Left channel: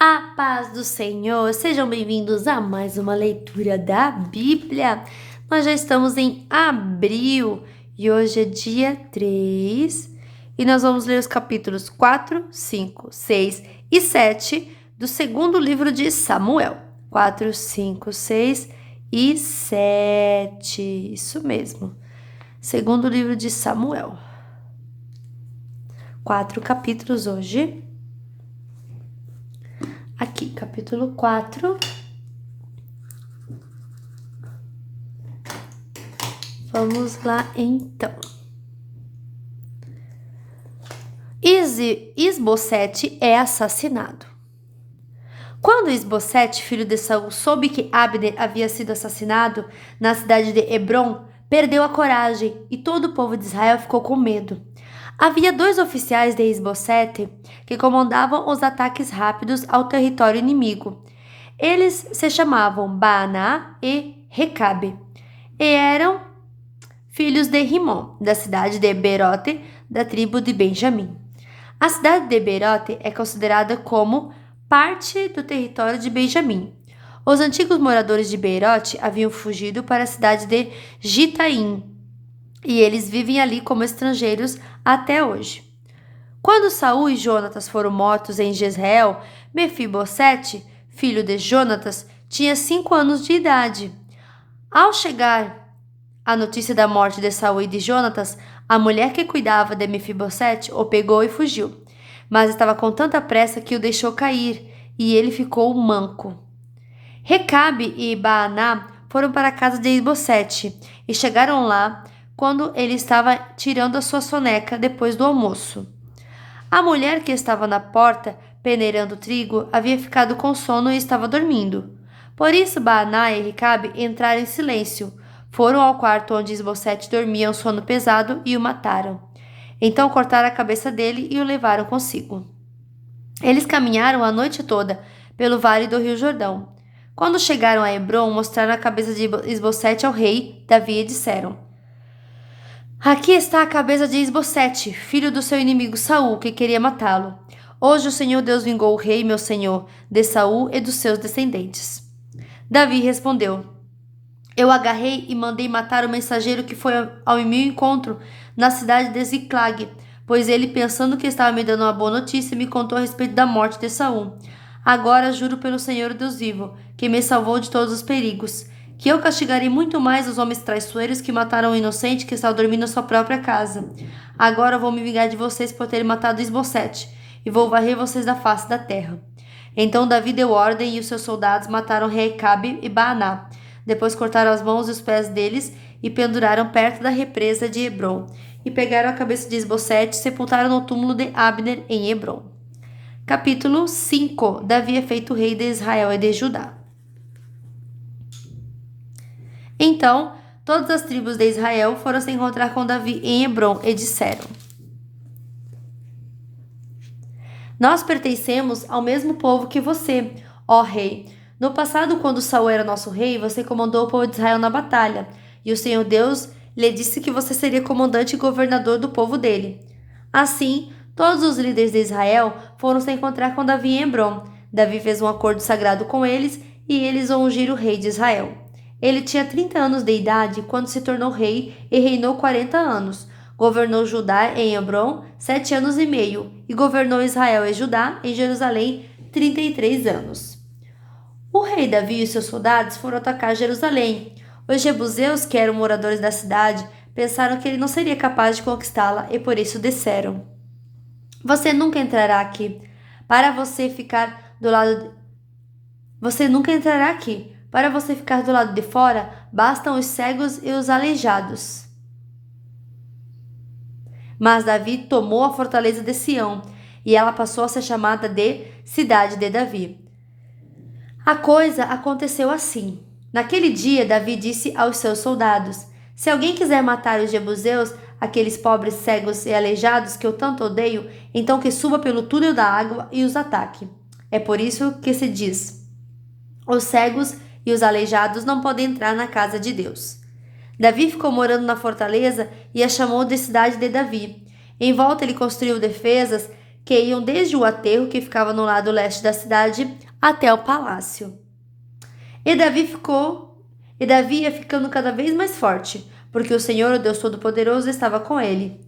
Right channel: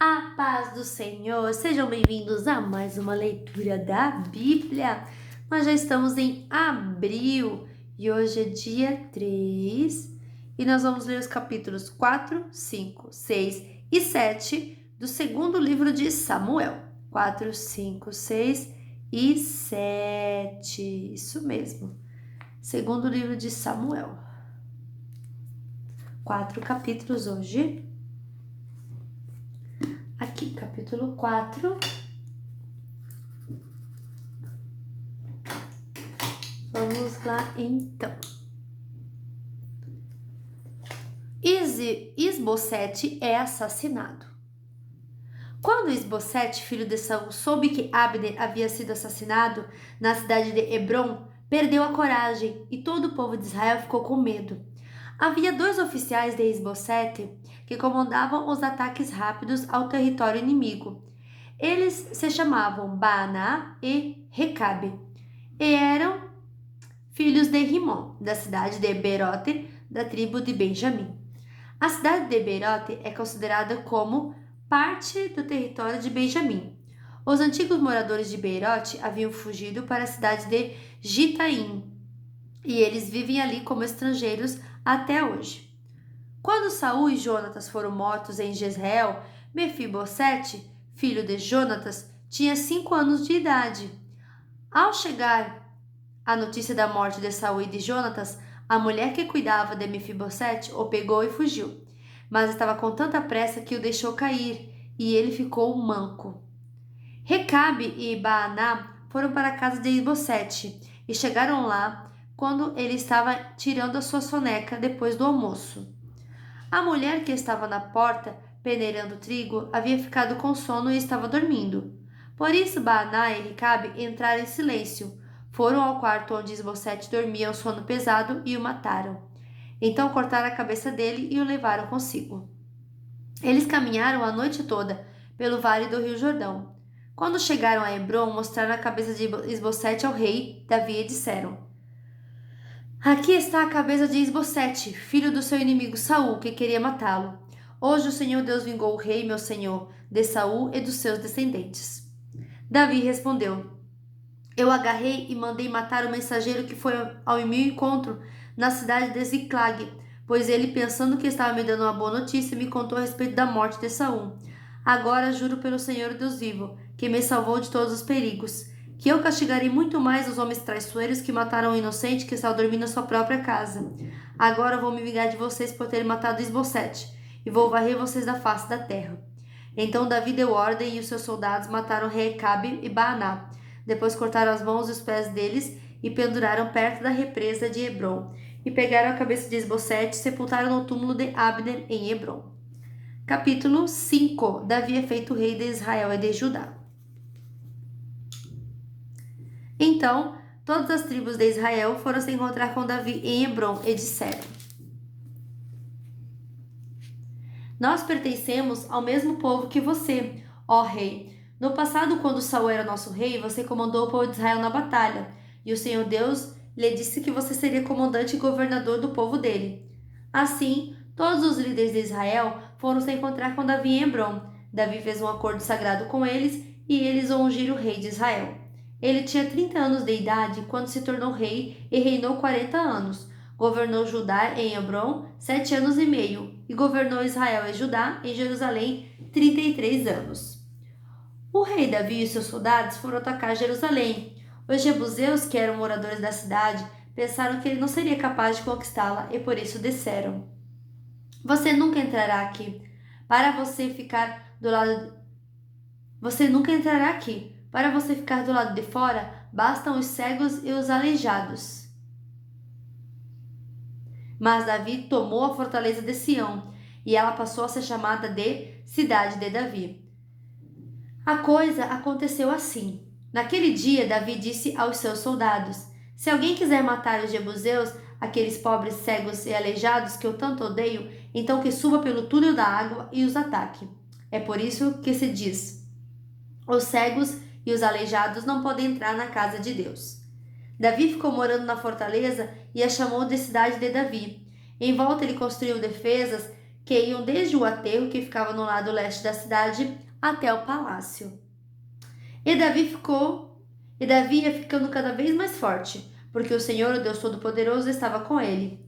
A paz do Senhor, sejam bem-vindos a mais uma leitura da Bíblia. Nós já estamos em abril e hoje é dia 3 e nós vamos ler os capítulos 4, 5, 6 e 7 do segundo livro de Samuel. 4, 5, 6 e 7, isso mesmo. Segundo livro de Samuel. 4 capítulos hoje. Aqui, capítulo 4. Vamos lá, então. Isbosete é assassinado. Quando Isbosete, filho de Saul, soube que Abner havia sido assassinado na cidade de Hebrom, perdeu a coragem e todo o povo de Israel ficou com medo. Havia 2 oficiais de Isbosete que comandavam os ataques rápidos ao território inimigo. Eles se chamavam Baaná e Recabe e eram filhos de Rimon, da cidade de Beerote, da tribo de Benjamim. A cidade de Beerote é considerada como parte do território de Benjamim. Os antigos moradores de Beerote haviam fugido para a cidade de Gitaim, e eles vivem ali como estrangeiros até hoje. Quando Saul e Jonatas foram mortos em Jezreel, Mefibosete, filho de Jonatas, tinha 5 anos de idade. Ao chegar a notícia da morte de Saul e de Jonatas, a mulher que cuidava de Mefibosete o pegou e fugiu, mas estava com tanta pressa que o deixou cair, e ele ficou manco. Recabe e Baaná foram para a casa de Isbosete e chegaram lá quando ele estava tirando a sua soneca depois do almoço. A mulher que estava na porta, peneirando trigo, havia ficado com sono e estava dormindo. Por isso Baaná e Recabe entraram em silêncio. Foram ao quarto onde Isbosete dormia um sono pesado e o mataram. Então cortaram a cabeça dele e o levaram consigo. Eles caminharam a noite toda pelo vale do rio Jordão. Quando chegaram a Hebrom, mostraram a cabeça de Isbosete ao rei Davi e disseram: Aqui está a cabeça de Isbosete, filho do seu inimigo Saul, que queria matá-lo. Hoje o Senhor Deus vingou o rei, meu senhor, de Saul e dos seus descendentes. Davi respondeu: Eu agarrei e mandei matar o mensageiro que foi ao meu encontro na cidade de Ziclag, pois ele, pensando que estava me dando uma boa notícia, me contou a respeito da morte de Saul. Agora juro pelo Senhor Deus vivo, que me salvou de todos os perigos, que eu castigarei muito mais os homens traiçoeiros que mataram o inocente que estava dormindo na sua própria casa. Agora vou me vingar de vocês por terem matado Isbosete, e vou varrer vocês da face da terra. Então Davi deu ordem e os seus soldados mataram Recabe e Baaná. Depois cortaram as mãos e os pés deles e penduraram perto da represa de Hebrom. E pegaram a cabeça de Isbosete e sepultaram no túmulo de Abner em Hebrom. Capítulo 5. Davi é feito rei de Israel e de Judá. Então, todas as tribos de Israel foram se encontrar com Davi em Hebrom e disseram: Nós pertencemos ao mesmo povo que você, ó rei. No passado, quando Saul era nosso rei, você comandou o povo de Israel na batalha, e o Senhor Deus lhe disse que você seria comandante e governador do povo dele. Assim, todos os líderes de Israel foram se encontrar com Davi em Hebrom. Davi fez um acordo sagrado com eles e eles o ungiram rei de Israel. Ele tinha 30 anos de idade quando se tornou rei e reinou 40 anos. Governou Judá em Hebrom 7 anos e meio e governou Israel e Judá em Jerusalém 33 anos. O rei Davi e seus soldados foram atacar Jerusalém. Os jebuseus, que eram moradores da cidade, pensaram que ele não seria capaz de conquistá-la e por isso disseram: Você nunca entrará aqui. Para você ficar do lado Você nunca entrará aqui. Para você ficar do lado de fora, bastam os cegos e os aleijados. Mas Davi tomou a fortaleza de Sião, e ela passou a ser chamada de Cidade de Davi. A coisa aconteceu assim. Naquele dia, Davi disse aos seus soldados: Se alguém quiser matar os jebuseus, aqueles pobres cegos e aleijados que eu tanto odeio, então que suba pelo túnel da água e os ataque. É por isso que se diz: Os cegos e os aleijados não podem entrar na casa de Deus. Davi ficou morando na fortaleza e a chamou de Cidade de Davi. Em volta ele construiu defesas que iam desde o aterro que ficava no lado leste da cidade até o palácio. E Davi ia ficando cada vez mais forte, porque o Senhor, o Deus Todo-Poderoso, estava com ele.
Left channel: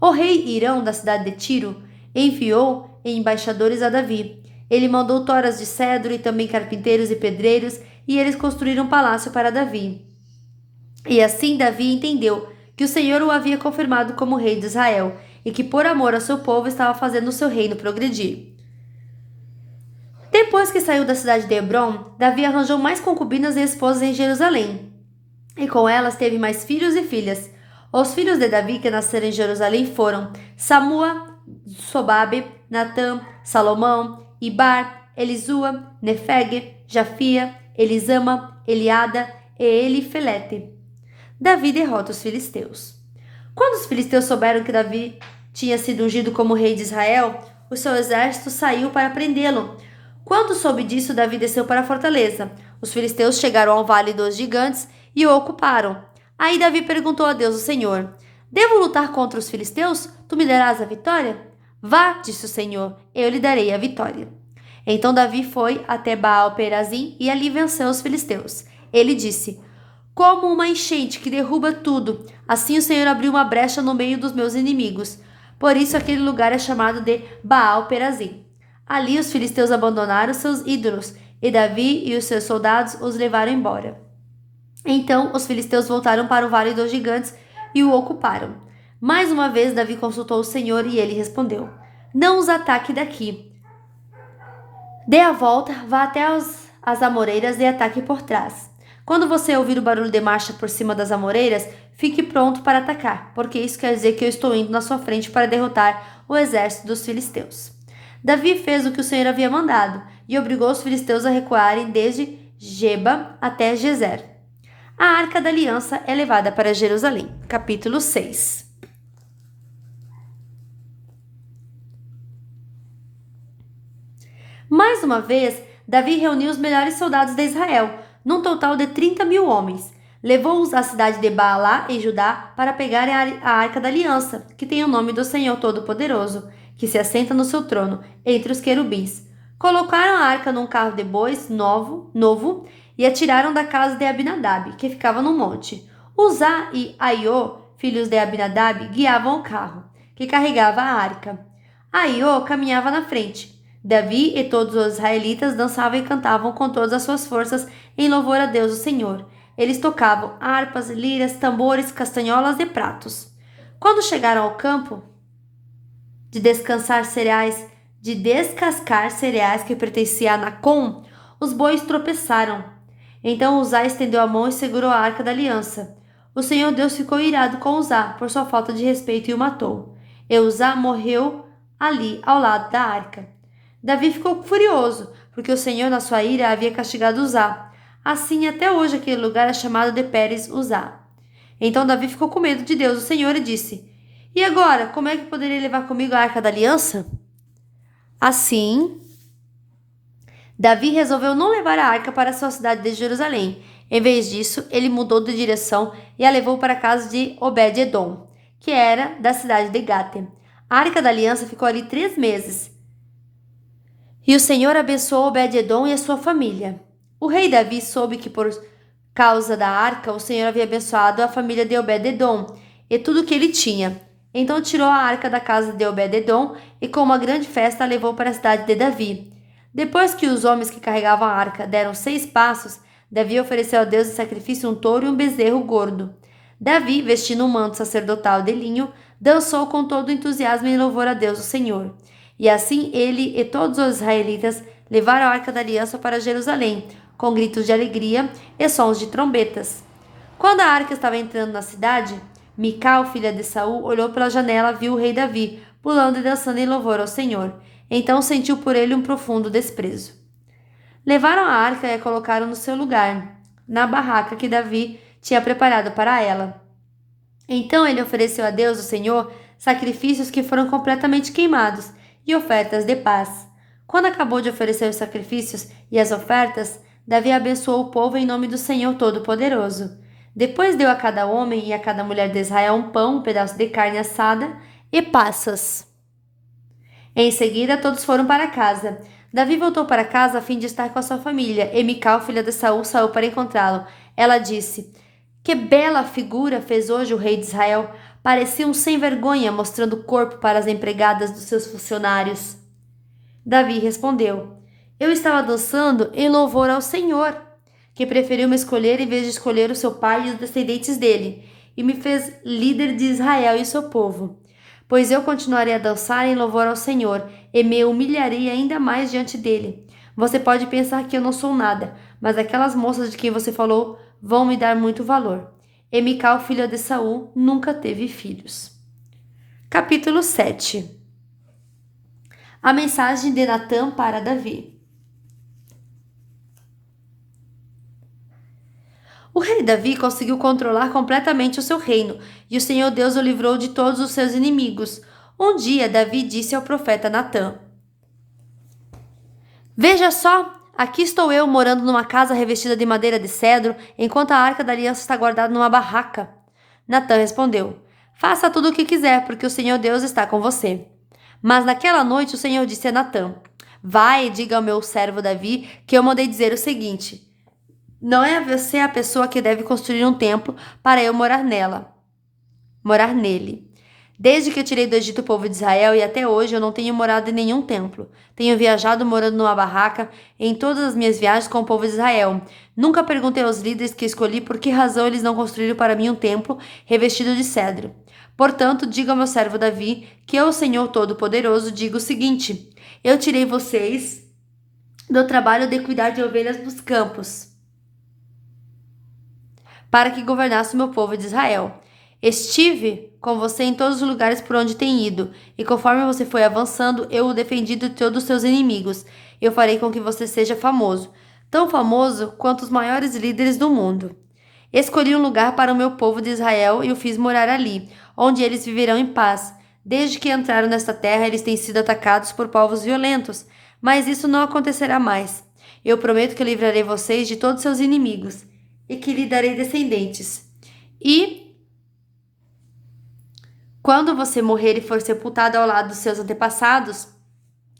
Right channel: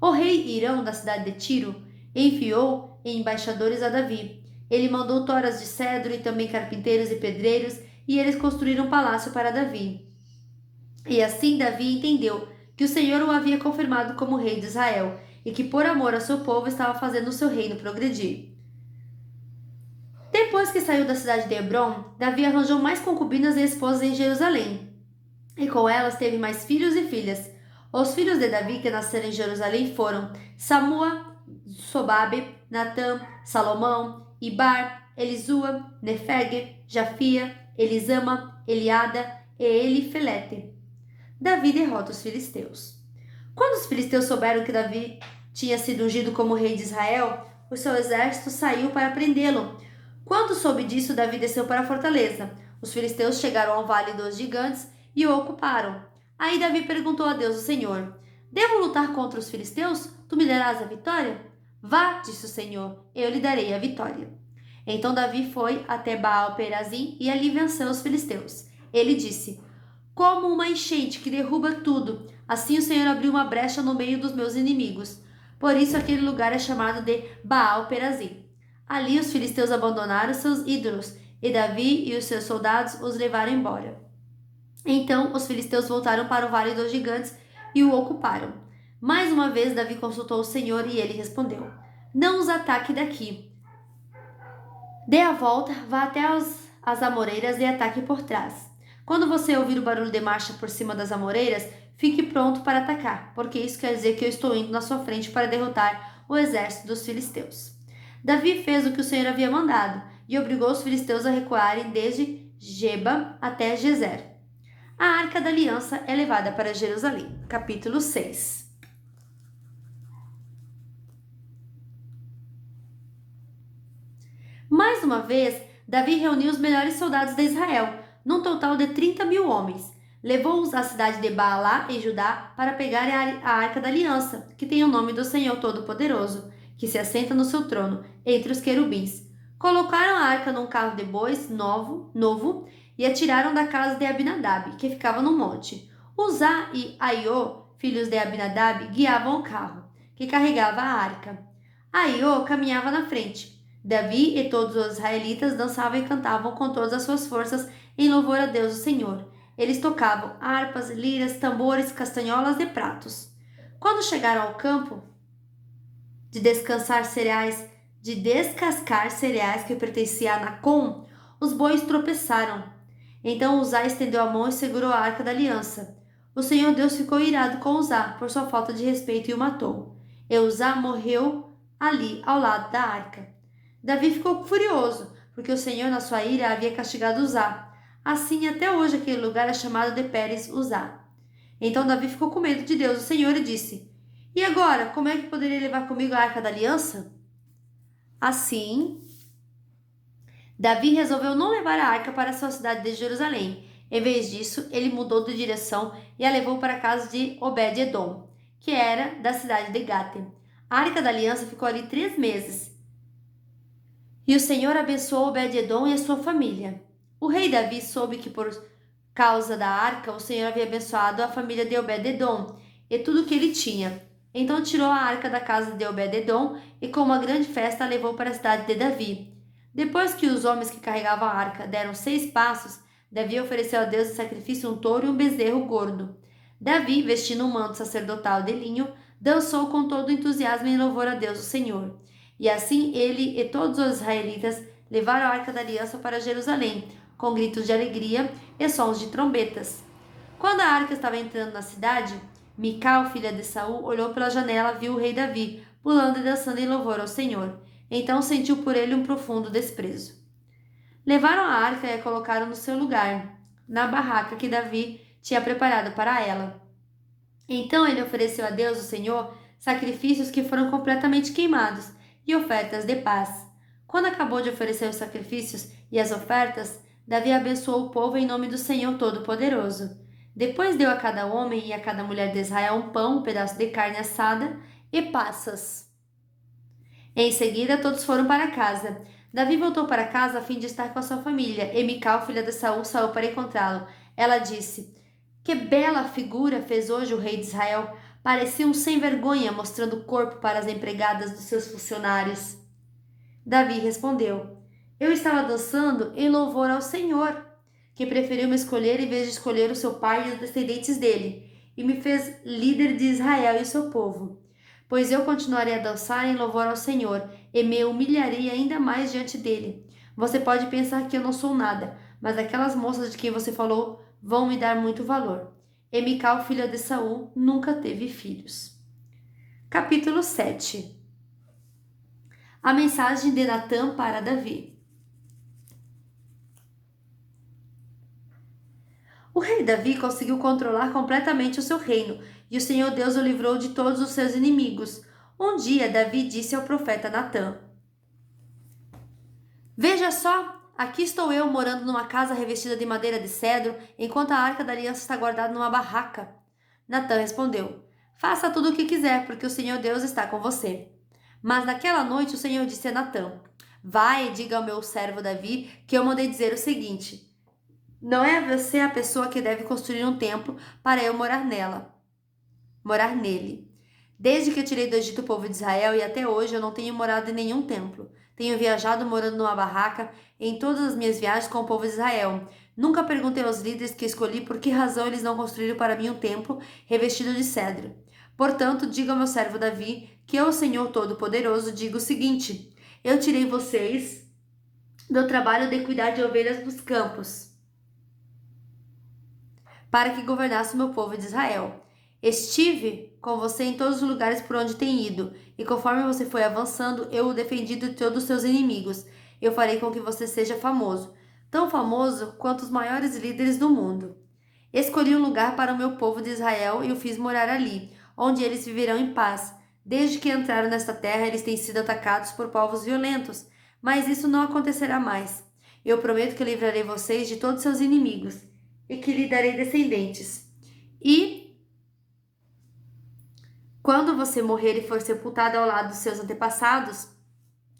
O rei Irão, da cidade de Tiro, enviou embaixadores a Davi. Ele mandou toras de cedro e também carpinteiros e pedreiros, e eles construíram um palácio para Davi. E assim Davi entendeu que o Senhor o havia confirmado como rei de Israel, e que por amor ao seu povo estava fazendo o seu reino progredir. Depois que saiu da cidade de Hebrom, Davi arranjou mais concubinas e esposas em Jerusalém, e com elas teve mais filhos e filhas. Os filhos de Davi que nasceram em Jerusalém foram Samua, Sobabe, Natã, Salomão, Ibar, Elisua, Nefeg, Jafia, Elisama, Eliada e Elifelete. Davi derrota os filisteus. Quando os filisteus souberam que Davi tinha sido ungido como rei de Israel, o seu exército saiu para prendê-lo. Quando soube disso, Davi desceu para a fortaleza. Os filisteus chegaram ao vale dos gigantes e o ocuparam. Aí Davi perguntou a Deus, o Senhor: Devo lutar contra os filisteus? Tu me darás a vitória? Vá, disse o Senhor, eu lhe darei a vitória. Então Davi foi até Baal-Perazim e ali venceu os filisteus. Ele disse: Como uma enchente que derruba tudo, assim o Senhor abriu uma brecha no meio dos meus inimigos. Por isso aquele lugar é chamado de Baal-Perazim. Ali os filisteus abandonaram seus ídolos, e Davi e os seus soldados os levaram embora. Então os filisteus voltaram para o vale dos gigantes e o ocuparam. Mais uma vez Davi consultou o Senhor e ele respondeu: Não os ataque daqui. Dê a volta, vá até as amoreiras e ataque por trás. Quando você ouvir o barulho de marcha por cima das amoreiras, fique pronto para atacar, porque isso quer dizer que eu estou indo na sua frente para derrotar o exército dos filisteus. Davi fez o que o Senhor havia mandado e obrigou os filisteus a recuarem desde Geba até Gezer. A Arca da Aliança é levada para Jerusalém. Capítulo 6. Mais uma vez, Davi reuniu os melhores soldados de Israel, num total de 30.000 homens. Levou-os à cidade de Baalá, em Judá, para pegarem a Arca da Aliança, que tem o nome do Senhor Todo-Poderoso, que se assenta no seu trono, entre os querubins. Colocaram a arca num carro de bois novo e a tiraram da casa de Abinadab, que ficava no monte. Uzá e Aiô, filhos de Abinadab, guiavam o carro, que carregava a arca. Aiô caminhava na frente. Davi e todos os israelitas dançavam e cantavam com todas as suas forças em louvor a Deus o Senhor. Eles tocavam harpas, liras, tambores, castanholas e pratos. Quando chegaram ao campo de descascar cereais que pertencia a Nacon, os bois tropeçaram. Então Uzá estendeu a mão e segurou a arca da aliança. O Senhor Deus ficou irado com Uzá por sua falta de respeito e o matou. E Uzá morreu ali ao lado da arca. Davi ficou furioso, porque o Senhor, na sua ira, havia castigado Uzá. Assim, até hoje, aquele lugar é chamado de Pérez Uzá. Então Davi ficou com medo de Deus, o Senhor, e disse: E agora, como é que poderei levar comigo a arca da aliança? Assim, Davi resolveu não levar a arca para a sua cidade de Jerusalém. Em vez disso, ele mudou de direção e a levou para a casa de Obed-Edom, que era da cidade de Gate. A arca da aliança ficou ali 3 meses. E o Senhor abençoou Obed-Edom e a sua família. O rei Davi soube que por causa da arca o Senhor havia abençoado a família de Obed-Edom e tudo o que ele tinha. Então tirou a arca da casa de Obed-Edom e com uma grande festa a levou para a cidade de Davi. Depois que os homens que carregavam a arca deram 6 passos, Davi ofereceu a Deus em sacrifício um touro e um bezerro gordo. Davi, vestindo um manto sacerdotal de linho, dançou com todo entusiasmo em louvor a Deus o Senhor. E assim ele e todos os israelitas levaram a arca da aliança para Jerusalém, com gritos de alegria e sons de trombetas. Quando a arca estava entrando na cidade, Mical, filha de Saul, olhou pela janela e viu o rei Davi, pulando e dançando em louvor ao Senhor. Então sentiu por ele um profundo desprezo. Levaram a arca e a colocaram no seu lugar, na barraca que Davi tinha preparado para ela. Então ele ofereceu a Deus, o Senhor, sacrifícios que foram completamente queimados e ofertas de paz. Quando acabou de oferecer os sacrifícios e as ofertas, Davi abençoou o povo em nome do Senhor Todo-Poderoso. Depois deu a cada homem e a cada mulher de Israel um pão, um pedaço de carne assada e passas. Em seguida, todos foram para casa. Davi voltou para casa a fim de estar com a sua família, e Mical, filha de Saul, saiu para encontrá-lo. Ela disse: Que bela figura fez hoje o rei de Israel! Parecia um sem vergonha, mostrando o corpo para as empregadas dos seus funcionários. Davi respondeu: Eu estava dançando em louvor ao Senhor, que preferiu me escolher em vez de escolher o seu pai e os descendentes dele, e me fez líder de Israel e seu povo. Pois eu continuarei a dançar em louvor ao Senhor, e me humilharei ainda mais diante dele. Você pode pensar que eu não sou nada, mas aquelas moças de quem você falou vão me dar muito valor. E Mical, filha de Saul, nunca teve filhos. Capítulo 7. A mensagem de Natã para Davi. O rei Davi conseguiu controlar completamente o seu reino, e o Senhor Deus o livrou de todos os seus inimigos. Um dia, Davi disse ao profeta Natã: Veja só, aqui estou eu morando numa casa revestida de madeira de cedro, enquanto a arca da aliança está guardada numa barraca. Natã respondeu: Faça tudo o que quiser, porque o Senhor Deus está com você. Mas naquela noite o Senhor disse a Natã: Vai e diga ao meu servo Davi que eu mandei dizer o seguinte: Não é você a pessoa que deve construir um templo para eu morar nele. Desde que eu tirei do Egito o povo de Israel e até hoje eu não tenho morado em nenhum templo. Tenho viajado morando numa barraca em todas as minhas viagens com o povo de Israel. Nunca perguntei aos líderes que escolhi por que razão eles não construíram para mim um templo revestido de cedro. Portanto, diga ao meu servo Davi que eu, Senhor Todo-Poderoso, digo o seguinte: Eu tirei vocês do trabalho de cuidar de ovelhas nos campos, para que governasse o meu povo de Israel. Estive com você em todos os lugares por onde tem ido, e conforme você foi avançando, eu o defendi de todos os seus inimigos. Eu farei com que você seja famoso, tão famoso quanto os maiores líderes do mundo. Escolhi um lugar para o meu povo de Israel e o fiz morar ali, onde eles viverão em paz. Desde que entraram nesta terra, eles têm sido atacados por povos violentos, mas isso não acontecerá mais. Eu prometo que livrarei vocês de todos seus inimigos e que lhe darei descendentes. E quando você morrer e for sepultado ao lado dos seus antepassados,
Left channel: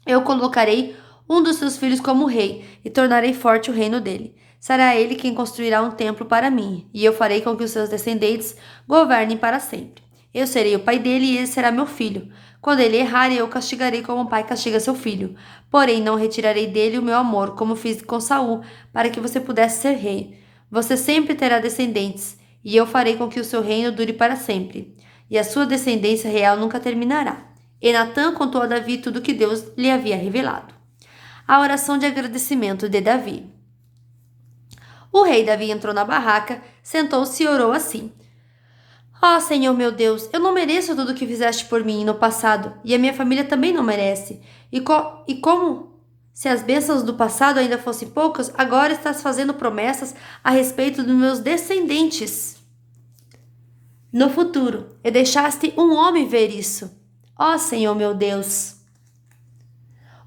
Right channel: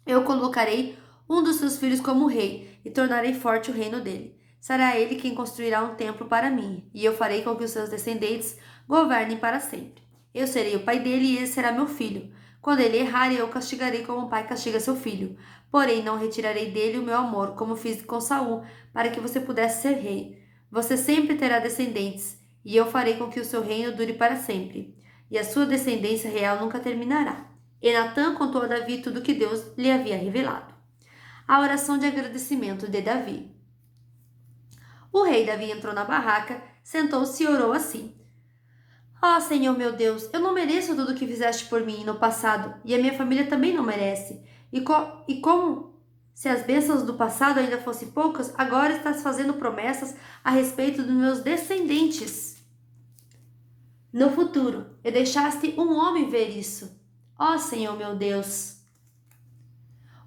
eu colocarei um dos seus filhos como rei e tornarei forte o reino dele. Será ele quem construirá um templo para mim, e eu farei com que os seus descendentes governem para sempre. Eu serei o pai dele e ele será meu filho. Quando ele errar, eu o castigarei como um pai castiga seu filho. Porém, não retirarei dele o meu amor, como fiz com Saul, para que você pudesse ser rei. Você sempre terá descendentes, e eu farei com que o seu reino dure para sempre, e a sua descendência real nunca terminará. E Natã contou a Davi tudo o que Deus lhe havia revelado. A oração de agradecimento de Davi. O rei Davi entrou na barraca, sentou-se e orou assim: Ó Senhor meu Deus, eu não mereço tudo o que fizeste por mim no passado, e a minha família também não merece. E como se as bênçãos do passado ainda fossem poucas, agora estás fazendo promessas a respeito dos meus descendentes no futuro, e deixaste um homem ver isso. Ó Senhor meu Deus!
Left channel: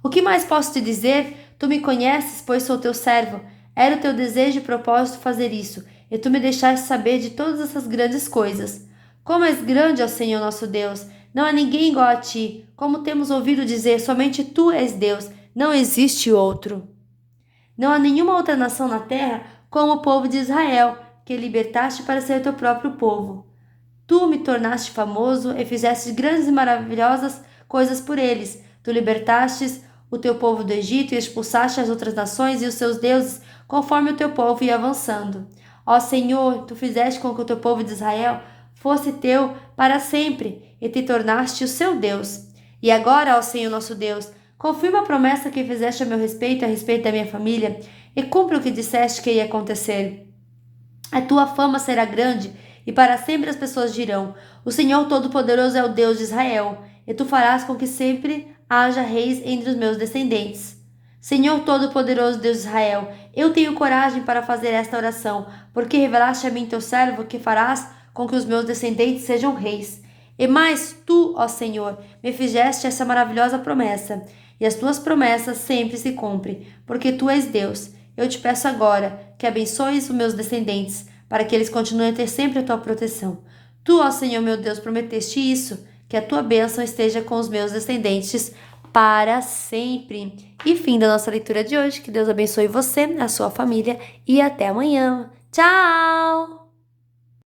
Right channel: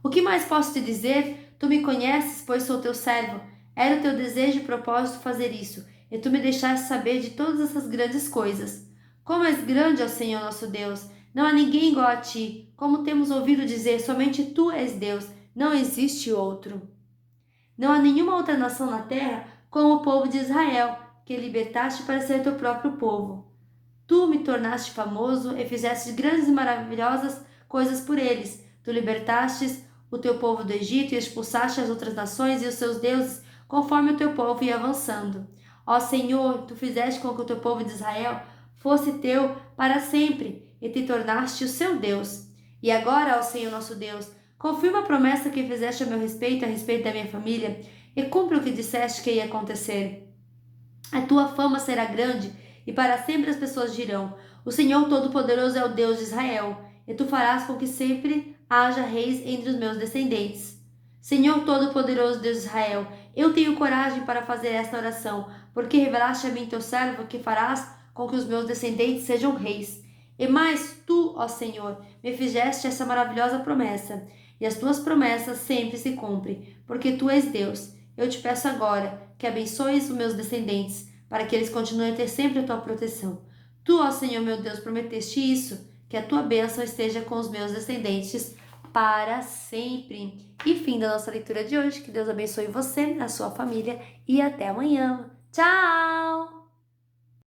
O que mais posso te dizer? Tu me conheces, pois sou teu servo. Era o teu desejo e propósito fazer isso, e tu me deixaste saber de todas essas grandes coisas. Como és grande, ó Senhor nosso Deus! Não há ninguém igual a ti. Como temos ouvido dizer, somente tu és Deus, não existe outro. Não há nenhuma outra nação na terra como o povo de Israel, que libertaste para ser teu próprio povo. Tu me tornaste famoso e fizeste grandes e maravilhosas coisas por eles. Tu libertastes o teu povo do Egito e expulsaste as outras nações e os seus deuses, conforme o teu povo ia avançando. Ó Senhor, tu fizeste com que o teu povo de Israel fosse teu para sempre e te tornaste o seu Deus. E agora, ó Senhor nosso Deus, confirma a promessa que fizeste a meu respeito e a respeito da minha família, e cumpre o que disseste que ia acontecer. A tua fama será grande, e para sempre as pessoas dirão: O Senhor Todo-Poderoso é o Deus de Israel, e tu farás com que sempre haja reis entre os meus descendentes. Senhor Todo-Poderoso Deus de Israel, eu tenho coragem para fazer esta oração, porque revelaste a mim, teu servo, que farás com que os meus descendentes sejam reis. E mais, tu, ó Senhor, me fizeste essa maravilhosa promessa, e as tuas promessas sempre se cumprem, porque tu és Deus. Eu te peço agora que abençoes os meus descendentes, para que eles continuem a ter sempre a tua proteção. Tu, ó Senhor meu Deus, prometeste isso, que a tua bênção esteja com os meus descendentes para sempre. E fim da nossa leitura de hoje. Que Deus abençoe você, a sua família e até amanhã. Tchau!